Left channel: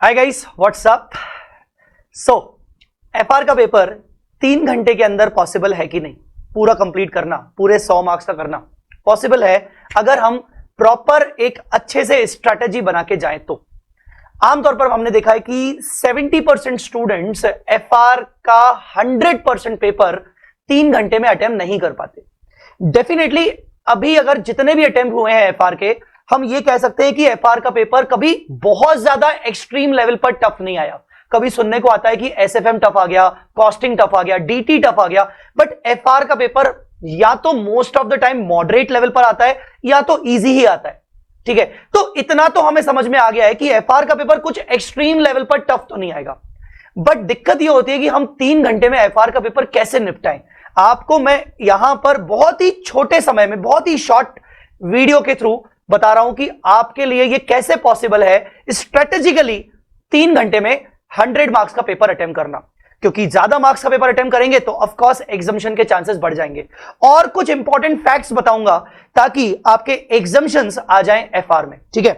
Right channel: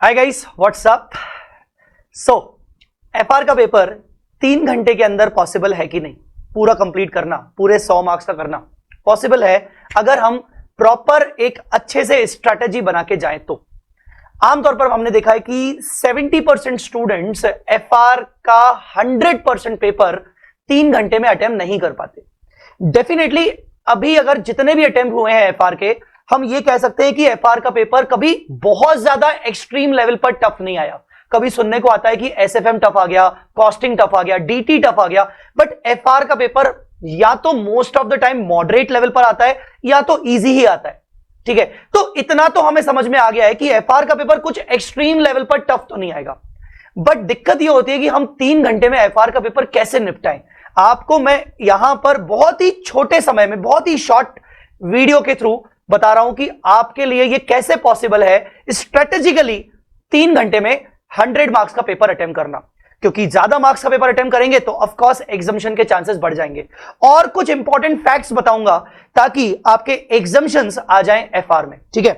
हाय guys, what's up. So FR का paper 3 घंटे के अंदर पॉसिबल है कि नहीं? पूरा कंप्लीट करना, पूरे 100 मार्क्स का करना पॉसिबल है अगर हम प्रॉपर एक अच्छे से स्ट्रैटेजी बना के जाएं तो। आमतौर पर हमने देखा है कि 70% स्टूडेंट्स एफआर का 100% पेपर 3 घंटे में अटेम्प्ट नहीं कर पाते। डेफिनेटली अभी अगर जितने भी अटेम्प्ट हुए हैं एफआर के, हम ये कह सकते हैं कि एफआर का पेपर कभी बहुत ज्यादा एक्सट्रीम लेवल पर टफ नहीं आया। कभी सुनने को आता है कि एसएफएम टफ आ गया, कॉस्टिंग टफ आ गया, डीटी टफ आ गया, बट एफआर का पेपर या तो most of the time moderate level पर आता है या तो इजी ही आता है। ठीक है, तो इतना तो हमें समझ में आ गया है कि एफआर का पेपर कुछ एक्सट्रीम लेवल पर टफ तो नहीं आएगा। बट दिक्कत यह होती है कि हम 3 घंटे में एफआर का पेपर कैसे निपटाएं। आपको मैं यहां पर बहुत ही छोटे समय में, बहुत ही शॉर्ट वीडियो के थ्रू बता रहा हूं कि आपके लिए यह कैसे पॉसिबल है स्ट्रेटेजिकली 3 घंटे में 100 मार्क्स का पेपर अटेम्प्ट करना। क्योंकि ज्यादा मार्क्स का पेपर अटेम्प्ट करेंगे तो ऑफ कोर्स एग्जामिशन के चांसेस बढ़ जाएंगे। और कुछ इंपॉर्टेंट फैक्ट्स बताऊंगा ताकि आपके एग्जामिशंस आ जाएं एफआर में। ठीक है,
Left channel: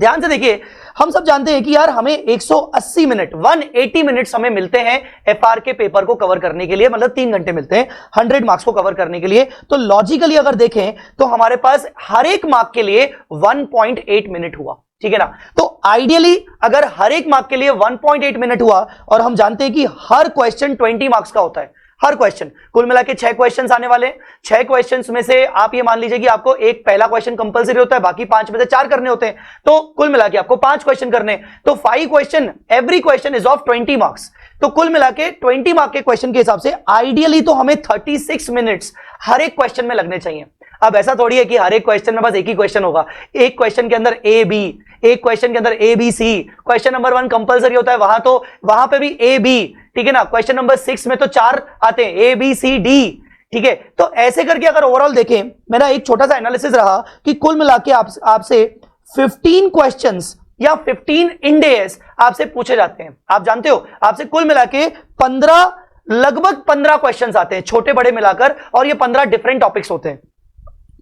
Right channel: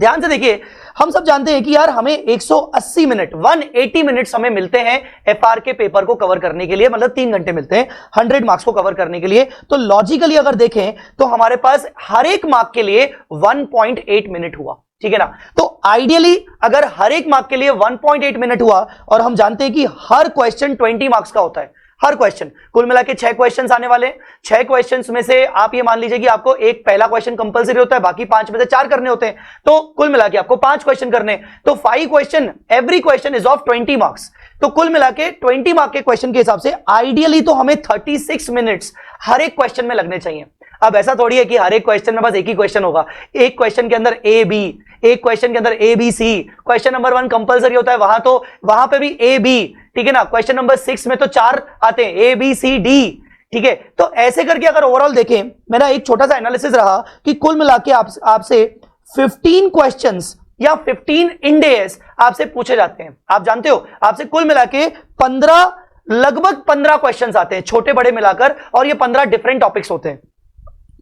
ध्यान से देखिए। हम सब जानते हैं कि यार हमें 180 मिनट 180 मिनट समय मिलते हैं एफआर के पेपर को कवर करने के लिए, मतलब 3 घंटे मिलते हैं 100 मार्क्स को कवर करने के लिए। तो लॉजिकली अगर देखें तो हमारे पास हर एक मार्क के लिए 1.8 मिनट हुआ। ठीक है ना? तो आइडियली अगर हर एक मार्क के लिए 1.8 मिनट हुआ, और हम जानते हैं कि हर क्वेश्चन 20 मार्क्स का होता है, हर क्वेश्चन कुल मिला के 6 क्वेश्चंस आने वाले हैं। 6 क्वेश्चंस में से आप ये मान लीजिए कि आपको एक पहला क्वेश्चन कंपलसरी होता है, बाकी 5 में से 4 करने होते हैं, तो कुल मिला के आपको 5 क्वेश्चन करने। तो 5 question, every question is of 20 marks. तो कुल मिला के 20 मार्क के क्वेश्चन के हिसाब से आइडियली तो हमें 36 मिनट्स हर एक क्वेश्चन में लगने चाहिए। अब ऐसा थोड़ी है कि हर एक क्वेश्चन में बस एक ही क्वेश्चन होगा। एक क्वेश्चन के अंदर ए बी, एक क्वेश्चन के अंदर A B C. Question number 1 compulsory होता है, वहां पे भी ए बी। ठीक है ना? क्वेश्चन नंबर 6 में तो 4 आते हैं, ए बी सी डी। ठीक है, तो ऐसे करके अगर ओवरऑल देखें, मेरा एक छोटा सा एनालिसिस रहा कि कुल मिला के आपसे 15 क्वेश्चंस या 15 इंडेस आपसे पूछे जाते हैं। आप जानते हो आपसे कुल मिला के 15, लगभग 15 क्वेश्चंस आते हैं, छोटे बड़े मिलाकर, और ये 15 डिफरेंट टॉपिक्स होते हैं।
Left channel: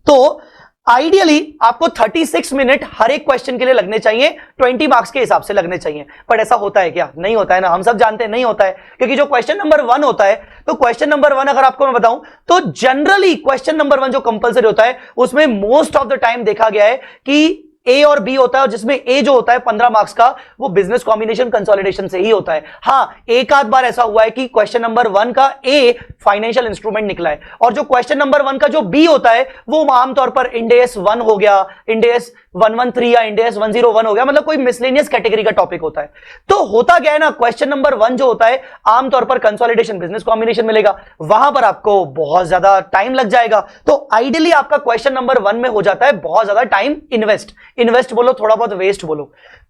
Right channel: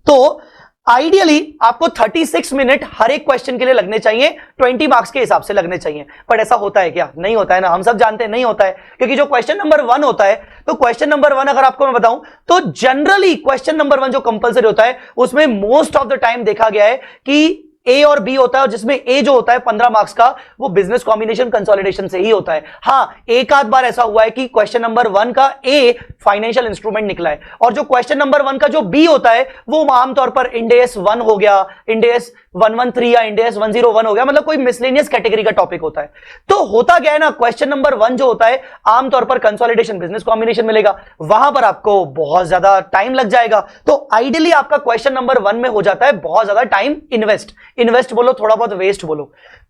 तो आइडियली आपको 36 मिनट हर एक क्वेश्चन के लिए लगने चाहिए, 20 मार्क्स के हिसाब से लगने चाहिए। पर ऐसा होता है क्या? नहीं होता है ना, हम सब जानते हैं नहीं होता है। क्योंकि जो क्वेश्चन नंबर 1 होता है, तो क्वेश्चन नंबर 1 अगर आपको मैं बताऊं तो जनरली क्वेश्चन नंबर 1 जो कंपलसरी होता है उसमें मोस्ट ऑफ द टाइम देखा गया है कि ए और बी होता है, जिसमें ए जो होता है 15 मार्क्स का, वो बिजनेस कॉम्बिनेशन कंसोलिडेशन से ही होता है। हां, एक आध बार ऐसा हुआ है कि क्वेश्चन नंबर 1 का ए फाइनेंशियल इंस्ट्रूमेंट निकला है, और जो क्वेश्चन नंबर 1 का जो बी होता है वो आमतौर पर इंडेस 1 हो गया, इंडेस 113 या इंडेस 101 हो गया, मतलब कोई मिसलेनियस कैटेगरी का टॉपिक होता है। तो होता क्या है ना, क्वेश्चन नंबर 1 जो होता है आमतौर पर कंसोलिडेशन बिजनेस कॉम्बिनेशन मिलेगा, वहां पर आपको बहुत ज्यादा टाइम लग जाएगा। तो आइडियली आपका क्वेश्चन नंबर 1 में हो जाता है बहुत ज्यादा टाइम इन्वेस्ट बोलो, थोड़ा बहुत वेस्ट बोलो।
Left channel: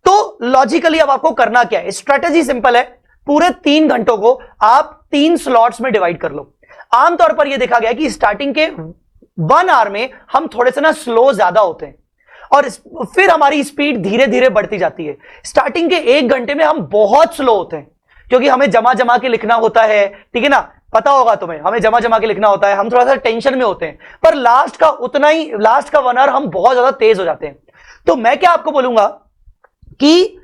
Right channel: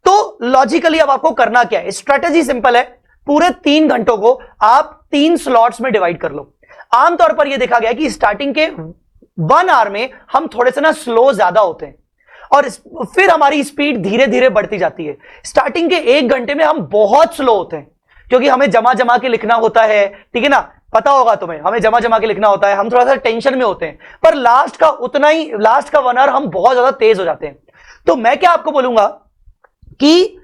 तो लॉजिकली अब आपको करना क्या है? स्ट्रेटेजी सिंपल है, पूरे 3 घंटों को आप 3 स्लॉट्स में डिवाइड कर ले। देखा गया कि स्टार्टिंग के में हम थोड़े से ना स्लो ज्यादा होते हैं, और फिर हमारी स्पीड धीरे धीरे बढ़ती जाती है। स्टार्टिंग के 1 घंटे में हम बहुत स्लो होते हैं, क्योंकि हमें जमा के लिखना होता है। ठीक है ना? पता होगा तुम्हें, हमें जमा के लिखना होता है, हम थोड़ा सा टेंशन में होते हैं। पर लास्ट का 1 आवर हम बहुत ज्यादा तेज हो जाते हैं। तो मैं क्या आपको बोलूंगा कि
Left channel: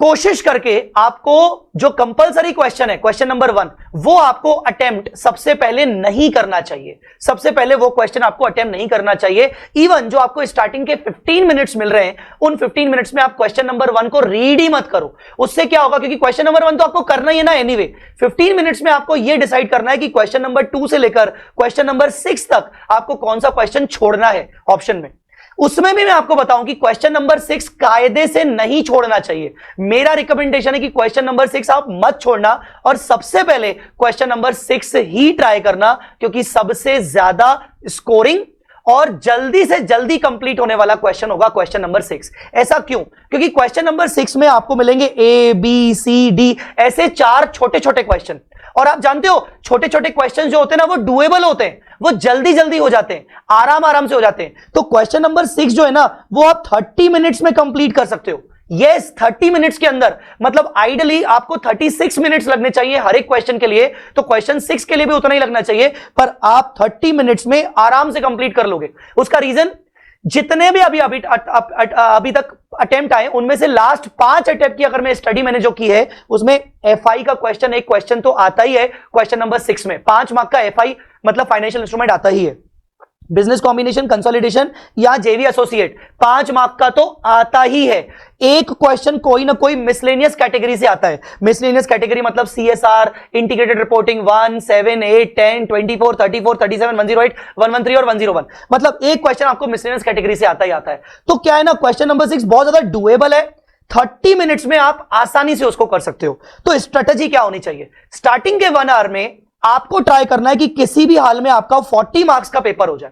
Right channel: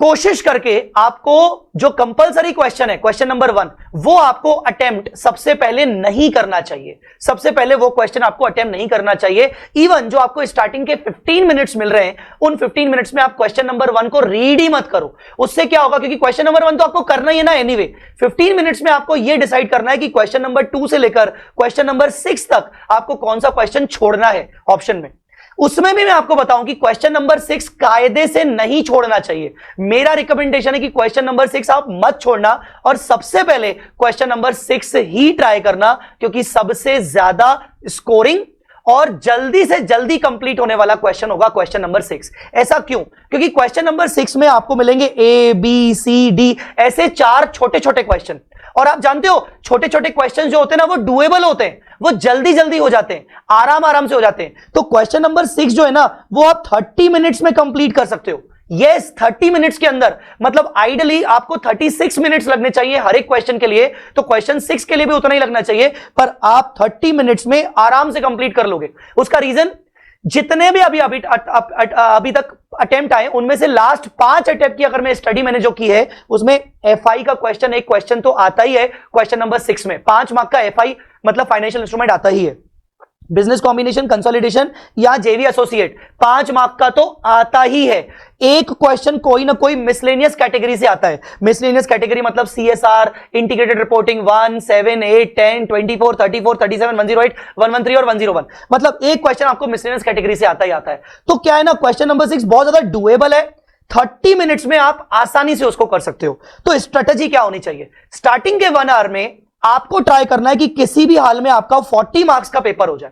कोशिश करके आपको जो कंपलसरी क्वेश्चन है, क्वेश्चन नंबर 1, वो आपको अटेम्प्ट सबसे पहले नहीं करना चाहिए। सबसे पहले वो क्वेश्चन आपको अटेम्प्ट नहीं करना चाहिए। इवन जो आपको स्टार्टिंग के 15 मिनट्स मिल रहे हैं, उन 15 मिनट्स में आप क्वेश्चन नंबर 1 को रीड ही मत करो। उससे क्या होगा, क्योंकि क्वेश्चन नंबर 1 तो आपको करना ही है ना एनीवे। 15 मिनट्स में आपको यह डिसाइड करना है कि क्वेश्चन नंबर 2 से लेकर क्वेश्चन नंबर 6 तक आपको कौन सा क्वेश्चन छोड़ना है ऑप्शन में। उसमें भी मैं आपको बताऊं कि क्वेश्चन नंबर 6 कायदे से नहीं छोड़ना चाहिए। मेरा रिकमेंडेशन है कि क्वेश्चन नंबर 6 आप मत छोड़ना, और सबसे पहले क्वेश्चन नंबर 6 ही ट्राई करना, क्योंकि सबसे ज्यादा स्कोरिंग और जल्दी से जल्दी कंप्लीट होने वाला क्वेश्चन होगा क्वेश्चन नंबर 6। ऐसा क्यों? क्योंकि क्वेश्चन नंबर 6 में आपको मिलेंगे ए बी सी डी, ऐसे 4 छोटे छोटे क्वेश्चन। और आप जानते हो छोटे छोटे क्वेश्चन जो होते हैं ना, वो डुएबल होते हैं, वो जल्दी जल्दी हो जाते हैं, आराम से हो जाते हैं। तो क्वेश्चन नंबर 6 जो है ना, वो आप 30 मिनट्स में कंप्लीट कर सकते हो। यस, 30 मिनट्स के अंदर, मतलब आइडियली आपको 36 मिनट्स लगने चाहिए हर एक क्वेश्चन के लिए, तो क्वेश्चन 6 के लिए भी उतना ही लगना चाहिए, पर आप 30 मिनट्स में आराम से कंप्लीट कर लोगे। उसका रीजन, जितने भी अभी तक अटेम्प्ट आए उनमें से लास्ट 5 अटेम्प्ट की अगर मैं स्टडी मैंने जो की है उसमें एफआई का क्वेश्चन, एक क्वेश्चन तो आता ही है क्वेश्चन नंबर 6 में 5 मार्क का एफआई मतलब फाइनेंशियल इंस्ट्रूमेंट आता ही है। बिजनेस कॉम्बिनेशन, कंसोलिडेशन या जेवी एसोसिएट 5 मार्क का तो आता ही है। एक क्वेश्चन कोई ना कोई मिसलेनियस कैटेगरी से आता है। मिसलेनियस कैटेगरी मतलब सीएसआर, इंटीग्रेटेड रिपोर्टिंग 1, 7, 8, 10, 24, 34, 37, 108, 113 और 101, मतलब एक क्वेश्चन आपको मिसलेनियस कैटेगरी से आता ही आता है। तो क्या है ना, क्वेश्चन नंबर 6 बहुत ज्यादा डुएबल है, 30 मिनट्स में आप आसानी से उसको कर सकते हो। तो स्ट्रेटेजी क्या होनी चाहिए, स्टार्टिंग के 1 आवर में आपको ट्राई करना है कि किसी भी हाल में आपका 40 मार्क्स का पेपर हो जाए।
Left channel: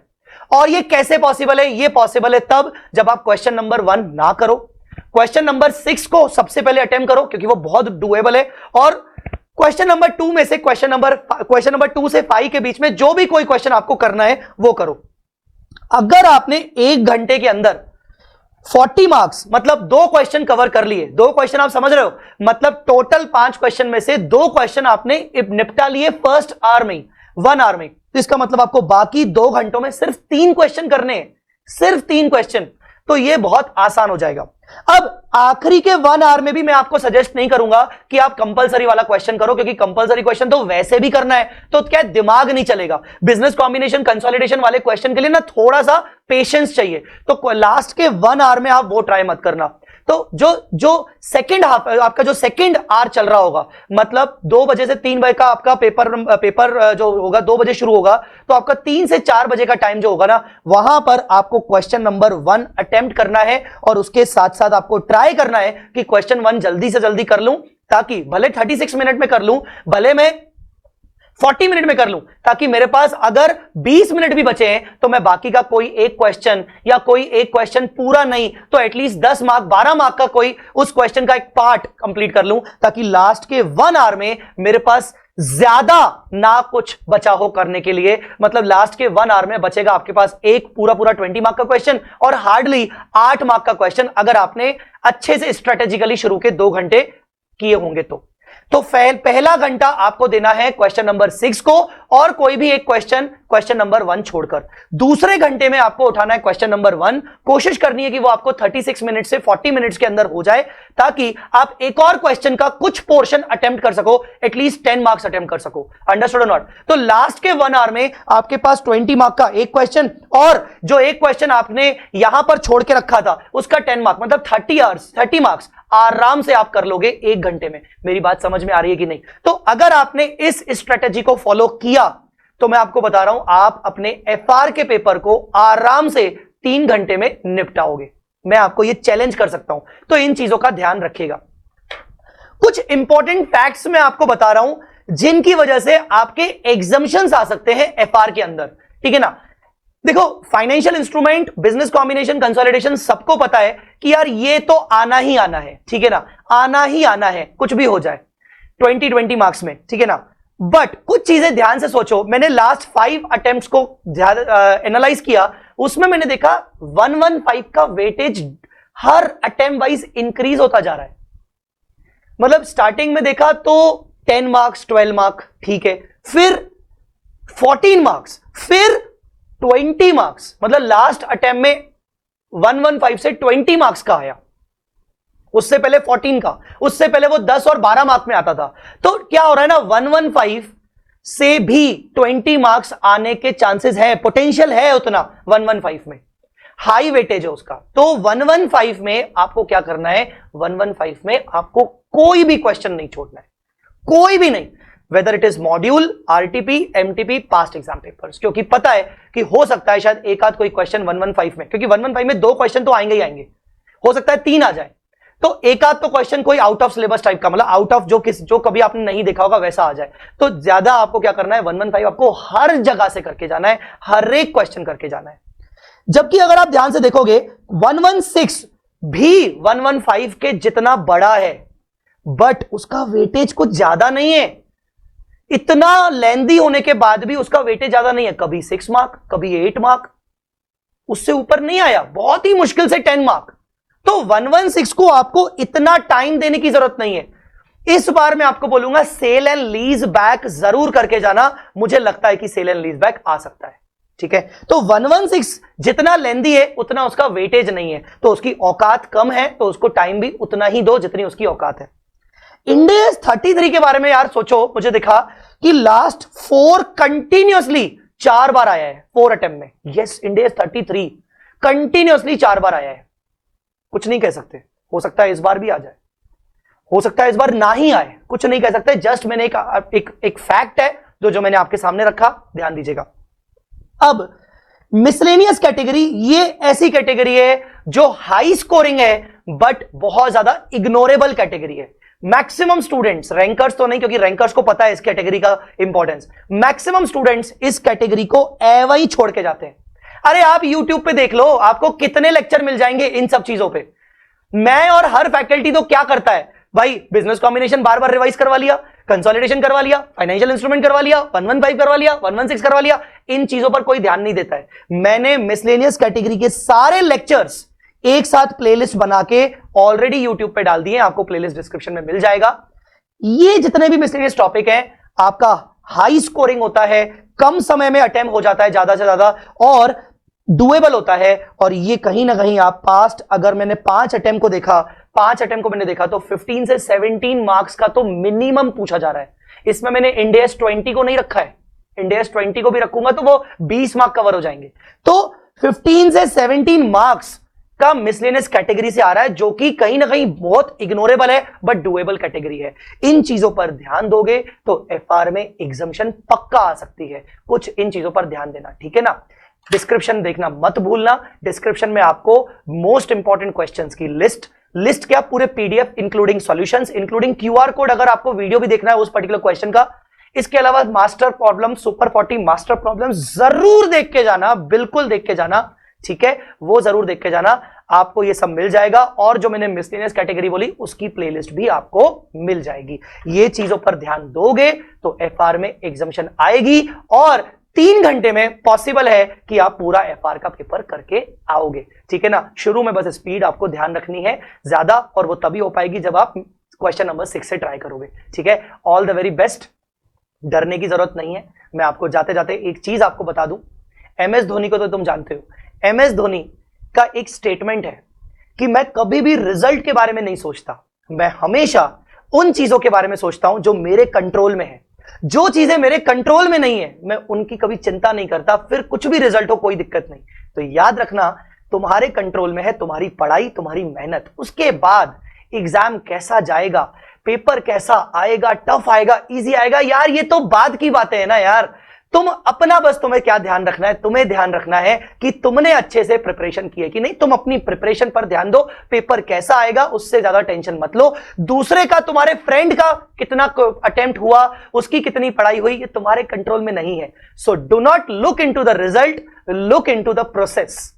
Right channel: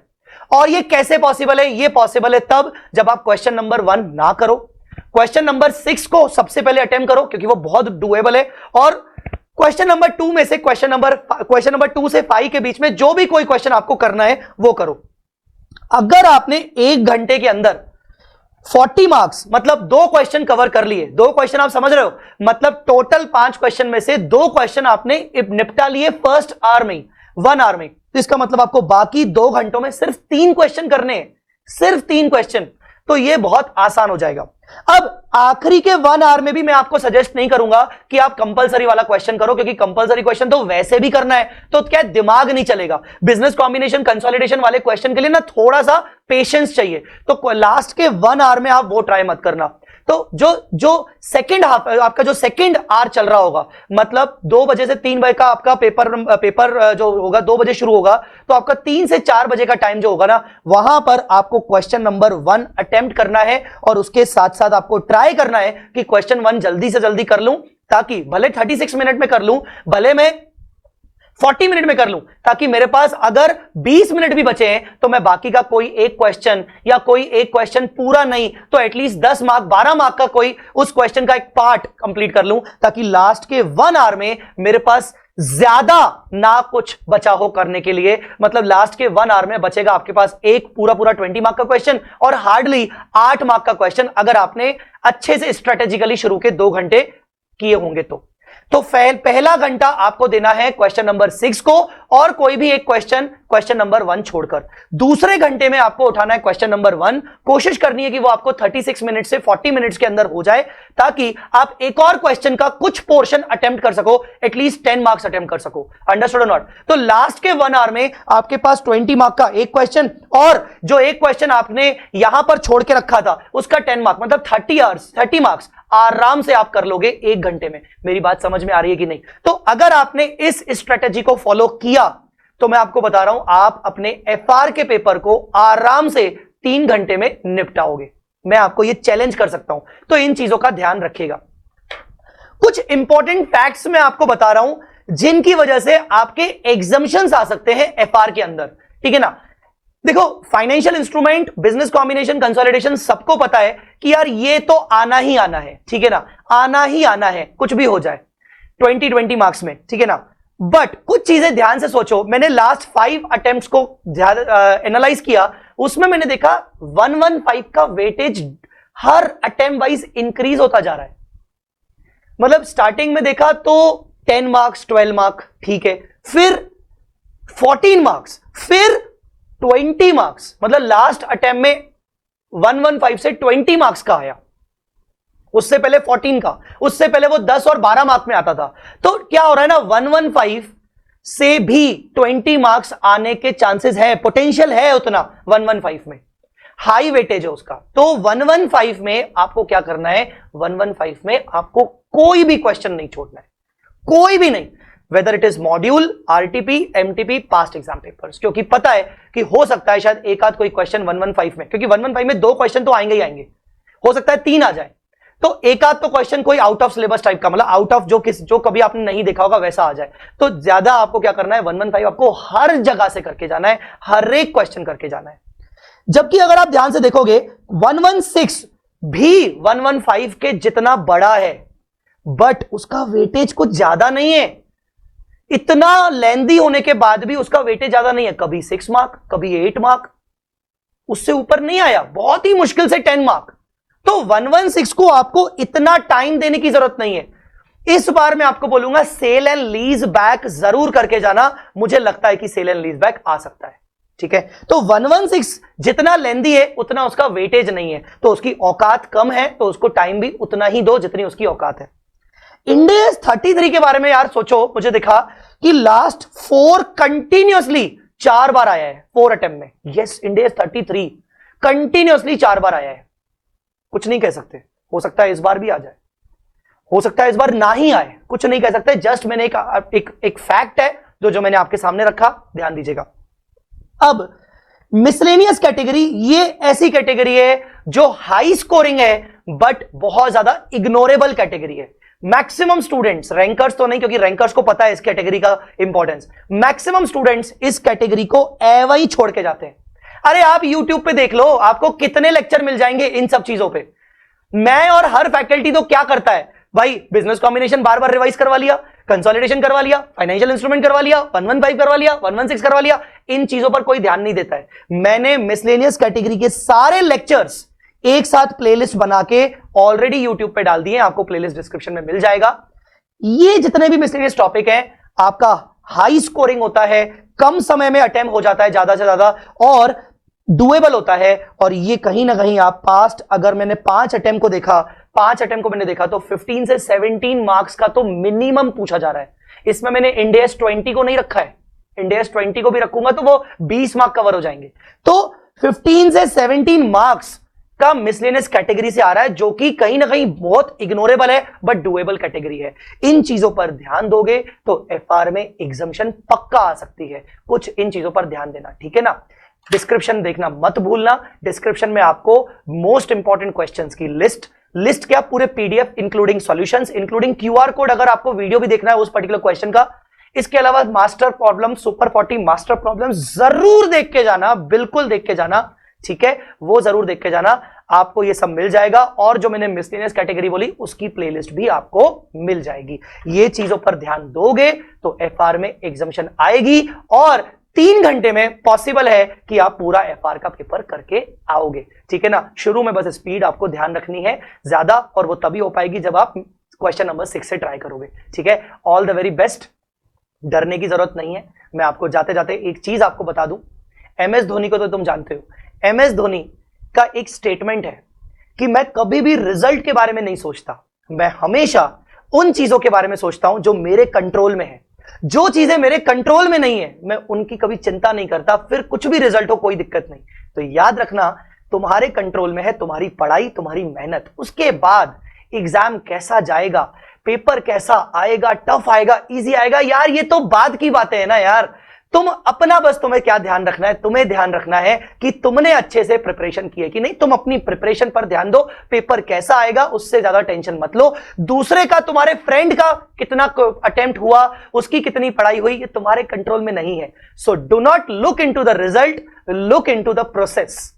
और ये कैसे पॉसिबल है, ये पॉसिबल है तब जब आप क्वेश्चन नंबर 1 ना करो, क्वेश्चन नंबर 6 को सबसे पहले अटेम्प्ट करो क्योंकि वो बहुत डुएबल है, और क्वेश्चन नंबर 2 में से क्वेश्चन नंबर 2 से 5 के बीच में जो भी कोई क्वेश्चन आपको करना है वो करो। अगर आपने 1 घंटे के अंदर 40 मार्क्स मतलब 2 क्वेश्चन कवर कर लिए, 2 क्वेश्चन आप समझ रहे हो, मतलब टोटल 5 क्वेश्चन में से 2 क्वेश्चन आपने निपटा लिए फर्स्ट आवर में, 1 आवर में, तो इसका मतलब आपको बाकी 2 घंटों में सिर्फ 3 क्वेश्चन करने हैं, सिर्फ 3 क्वेश्चन, तो ये बहुत आसान हो जाएगा। अब आखिरी के 1 आवर में भी मैं आपको सजेस्ट नहीं करूंगा कि आप कंपलसरी वाला क्वेश्चन करो, क्योंकि कंपलसरी क्वेश्चन तो वैसे भी करना है, तो क्या दिमाग नहीं चलेगा। बिजनेस कॉम्बिनेशन, कंसोलिडेशन वाले क्वेश्चन के लिए ना थोड़ा सा पेशेंस चाहिए, तो लास्ट के 1 आवर में आप वो ट्राई मत करना। तो जो सेकंड हाफ आपका जो सेकंड आवर चल रहा होगा, मतलब 2 बजे से 3 बजे का आपका पेपर जो होगा 2 बजे शुरू होगा, तो आपका 3 से 4 बजे का टाइम जो होगा ना, वहां पर आपको क्वेश्चन नंबर 1 अटेम्प्ट करना है, और उसके साथ साथ आपको ट्राई करना है कि क्वेश्चन 1 जल्दी से जल्दी कर लूं, ताकि भले 36 मिनट में कर लूं, भले मैं 40 मिनट में कर लूं, ताकि मेरे पास अगर 20 मिनट भी बचे हैं तो मैं बाकी का कोई एक क्वेश्चन या कोई एक क्वेश्चन पूरा नहीं तो एटलीस्ट 10 मार्क 12 मार्क का कोई उस क्वेश्चन का एक पार्ट कंप्लीट कर लूं, ताकि लास्ट के 1 आवर में मेरे पास ज्यादा ना कुछ बचा हो करने के लिए। मतलब लास्ट के 1 आवर में बचेगा आपके पास एक पूरा 20 मार्क का क्वेश्चन और हार्डली 8 मार्क का क्वेश्चन, अगर आपने अच्छे से स्ट्रेटेजिकली शुरू के 2 घंटे किए होंगे तो पहला घंटा आपको देना है क्वेश्चन नंबर 6 को, और कोई भी एक क्वेश्चन नंबर 1 छोड़कर। दूसरे घंटे में आपको उठाना है क्वेश्चन नंबर 1, कोशिश करनी है कि वो आपको 36 मिनट से 40 मिनट्स के अंदर हो जाए, ताकि आप एक और क्वेश्चन का कुछ पोर्शन अटेम्प्ट कर सको, एटलीस्ट 10 मार्क्स अटेम्प्ट कर सको। अंडरस्टूड और नॉट? तो लास्ट के 1 आवर में आपके पास 20 मार्क का एक क्वेश्चन, और जो एक क्वेश्चन आपने यहां पर छोड़ के रखा था उसका 10 मार्क, मतलब 30 मार्क्स आराम से आप कर लोगे 1 घंटे में। मेरी बात समझ में आ रही है कि नहीं? तो अगर आपने इस स्ट्रेटेजी को फॉलो किया तो मैं आपको बता रहा हूं, आप अपने एफआर के पेपर को आराम से 3 घंटे में निपटाओगे। मैं आपको ये चैलेंज कर सकता हूं, तो इन चीजों का ध्यान रखिएगा। कुछ इंपॉर्टेंट फैक्ट्स मैं आपको बता रहा हूं जिनकी वजह से आपके एग्जम्पशंस आ सकते हैं एफआर के अंदर, ठीक है ना? देखो, financial instrument, business combination, consolidation सबको पता है कि यार ये तो आना ही आना है, ठीक है ना? आना ही आना है, कुछ भी हो जाए 20 मार्क्स में, ठीक है ना? बट कुछ चीजें ध्यान से सोचो। मैंने लास्ट 5 अटेम्प्ट्स को एनालाइज किया, उसमें मैंने देखा 115 का वेटेज हर अटेम्प्ट वाइज इंक्रीज होता जा रहा है। मतलब स्टार्टिंग में देखा तो 10 मार्क्स, 12 मार्क, ठीक है, फिर 14 मार्क्स, फिर 20 मार्क्स, मतलब लास्ट अटेम्प्ट में 115 से 20 मार्क्स का आया, उससे पहले 14 का, उससे पहले वो 10 और 12 मार्क्स में आता था। तो क्या हो रहा है ना, 115 से भी 20 मार्क्स आने के चांसेस है, पोटेंशियल है उतना 115 में, हाई वेटेज है उसका। तो 115 में आपको क्या करना है, 115 में आपको कोई भी क्वेश्चन नहीं छोड़ना है, कोई भी नहीं, whether it is module, RTP, MTP, past exam papers, क्योंकि पता है कि हो सकता है शायद एक आध कोई क्वेश्चन 115 में, क्योंकि 115 में 2 क्वेश्चन तो आएंगे ही आएंगे, हो सकता है 3 आ जाए, तो एक आध तो क्वेश्चन कोई आउट ऑफ सिलेबस टाइप का, मतलब आउट ऑफ जो कभी आपने नहीं देखा होगा वैसा आ जाए। तो ज्यादा आपको क्या करना है, 115 आपको हर जगह से करके जाना है, हर एक क्वेश्चन करके जाना है। जबकि अगर आप ध्यान से देखोगे 116 भी 115 के जितना बड़ा है, बट उसका वेटेज कुछ ज्यादा नहीं है। इतना लेंदी होने के बाद भी उसका वेटेज ज्यादा नहीं है, कभी 6 मार्क, कभी 8 मार्क, उससे ऊपर नहीं आया, बहुत ही मुश्किल से 10 मार्क। तो 116 को आपको इतना टाइम देने की जरूरत नहीं है। इस बार मैं आपको बोलूंगा सेल एंड लीज बैक जरूर करके जाना, मुझे लगता है कि सेल एंड लीज बैक आ सकता है। ठीक है। तो 116 जितना लेंदी है उतना उसका वेटेज नहीं है, तो उसकी औकात कम है, तो उसको टाइम भी उतना ही दो जितनी उसकी औकात है। इंडेज 33 के बारे में यार सोचो, मुझे दिखा कि लास्ट 4 कंटिन्यूअसली 4 बार आया है 4 अटेम्प्ट में। यस, इंडेज 33 कंटिन्यूअसली 4 बार आया है। कुछ नहीं कह सकते, हो सकता है इस बार भी आ जाए, हो सकता है इस बार ना ही आए, कुछ नहीं कह सकते। जस्ट मैंने एक फैक्ट है जो मैंने आपके सामने रखा, ध्यान दीजिएगा। अब मिसलेनियस कैटेगरी, ये ऐसी कैटेगरी है जो हाई स्कोरिंग है बट बहुत ज्यादा इग्नोरेबल कैटेगरी है। मैक्सिमम स्टूडेंट्स, रैंकर्स तो नहीं, क्योंकि रैंकर्स को पता है इस कैटेगरी का इंपॉर्टेंस, मैक्सिमम स्टूडेंट्स इस कैटेगरी को एवं ही छोड़ के जाते हैं। अरे आप YouTube पे देख लो, आपको कितने लेक्चर मिल जाएंगे इन सब चीजों पे। मैं और हर फैकल्टी तो क्या करता है भाई, बिजनेस कॉम्बिनेशन बार बार रिवाइज करवा लिया, कंसोलिडेशन करवा लिया, फाइनेंशियल इंस्ट्रूमेंट करवा लिया, 115 करवा लिया, 116 करवा लिया, इन चीजों पर कोई ध्यान नहीं देता है। मैंने मिसलेनियस कैटेगरी के सारे लेक्चर्स एक साथ प्लेलिस्ट बना के ऑलरेडी यूट्यूब पे डाल दिए, आपको प्लेलिस्ट डिस्क्रिप्शन में मिल जाएगा। ये जितने भी मिसलेनियस टॉपिक है, आपका हाई स्कोरिंग होता है, कम समय में अटेम्प्ट हो जाता है ज्यादा से ज्यादा, और डुएबल होता है। और ये कहीं ना कहीं आप पास्ट, अगर मैंने 5 अटेम्प्ट को देखा, 5 अटेम्प्ट को मैंने देखा तो 15 से 17 मार्क्स का तो मिनिमम पूछा जा रहा है। इसमें मैंने इंडेस 20 को नहीं रखा है, इंडेस 20 को भी रखूंगा तो वो 20 मार्क कवर हो जाएंगे। तो 15 से 17 मार्क्स का मिसलेनियस कैटेगरी से आ रहा है, जो कि कहीं ना कहीं बहुत इग्नोरेबल है बट डुएबल कैटेगरी है। इन चीजों पर ध्यान दोगे तो एफआर में एग्जाम्शन पक्का आ सकती है। कुछ इन चीजों पर ध्यान देना, ठीक है ना। डिस्क्रिप्शन देखना मत भूलना, डिस्क्रिप्शन में आपको मोस्ट इंपॉर्टेंट क्वेश्चंस की लिस्ट क्या, पूरे PDF including solutions, including QR code, अगर आपको वीडियो भी देखना है उस पर्टिकुलर क्वेश्चन का। इसके अलावा master problem, super 40 master problem जरूर देख के जाना, बिल्कुल देख के जाना, ठीक है, वो जरूर देख के जाना, आपको ये सब मिल जाएगा। और जो मैंने मिसलेनियस कैटेगरी बोली उसकी प्लेलिस्ट भी आपको मिल जाएगी। ये चीजों पर ध्यान दोगे तो एफआर में एग्जाम्शन आएगी, और 3 घंटे में पॉसिबल है कि आप पूरा एफआर का पेपर करके आओगे, ठीक है ना। शुरू में बस स्पीड आपको ध्यान रखनी है ज्यादा, और वो तभी हो पाएगी जब आप क्वेश्चन नंबर 6 से ट्राई करोगे, ठीक है। ऑल द वेरी बेस्ट, डरने की जरूरत नहीं है। मैं आपको जाते जाते एक चीज आपको बता दूं, एमएस धोनी को तो तुम जानते हो, एमएस धोनी का एक स्टेटमेंट है कि मैं कभी भी रिजल्ट के बारे में नहीं सोचता, मैं हमेशा उन चीजों के बारे में सोचता हूं जो मेरे कंट्रोल में है। जो चीजें मेरे कंट्रोल में नहीं है मैं उनकी कभी चिंता नहीं करता, फिर कुछ भी रिजल्ट हो कोई दिक्कत नहीं। तो याद रखना, तुम्हारे कंट्रोल में है तुम्हारी पढ़ाई, तुम्हारी मेहनत, उसके बाद एग्जाम कैसा जाएगा, पेपर कैसा आएगा, टफ आएगा, इजी आएगा, यार ये तो बाद की बातें है ना यार। तुम अपना बस, तुम्हें क्या ध्यान रखना है, तुम्हें ध्यान रखना है कि तुमने अच्छे से प्रिपरेशन की है कि नहीं। तुम अपनी प्रिपरेशन पर ध्यान दो, पेपर कैसा आएगा उससे ज्यादा टेंशन मत लो। दूसरे का, तुम्हारे फ्रेंड का कितना अटेम्प्ट हुआ, उसकी कितनी पढ़ाई हुई, ये तुम्हारे कंट्रोल में नहीं है। So do not look into the result, look into the process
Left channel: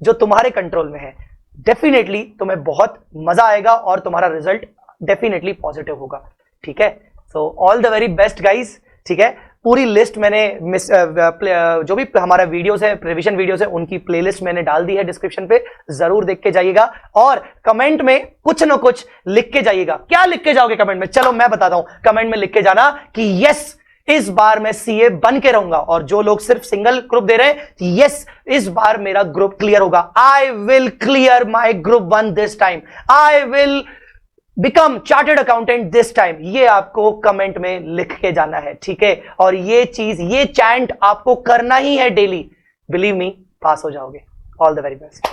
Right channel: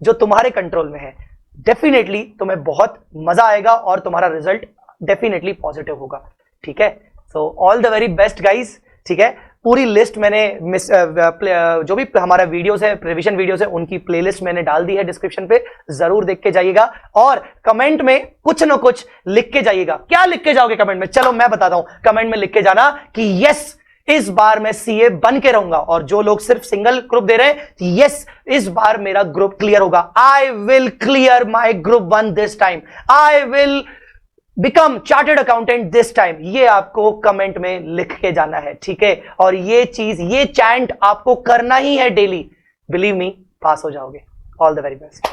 जो तुम्हारे कंट्रोल में है। डेफिनेटली तुम्हें बहुत मजा आएगा और तुम्हारा रिजल्ट डेफिनेटली पॉजिटिव होगा, ठीक है। So all the very best guys, ठीक है। पूरी लिस्ट मैंने जो भी हमारा वीडियोस है, रिवीजन वीडियोस है, उनकी प्लेलिस्ट मैंने डाल दी है डिस्क्रिप्शन पे, जरूर देख के जाइएगा। और कमेंट में कुछ न कुछ लिख के जाइएगा। क्या लिख के जाओगे कमेंट में, चलो मैं बताता हूं। कमेंट में लिख के जाना कि यस इस बार मैं सीए बन के रहूंगा, और जो लोग सिर्फ सिंगल ग्रुप दे रहे हैं, यस इस बार मेरा ग्रुप क्लियर होगा, I will clear my group 1 this time, I will become chartered accountant this time. ये आपको कमेंट में लिख के जाना है, ठीक है। और ये चीज, ये चैंट आपको करना ही है डेली, बिलीव मी, पास हो जाओगे। All the very best.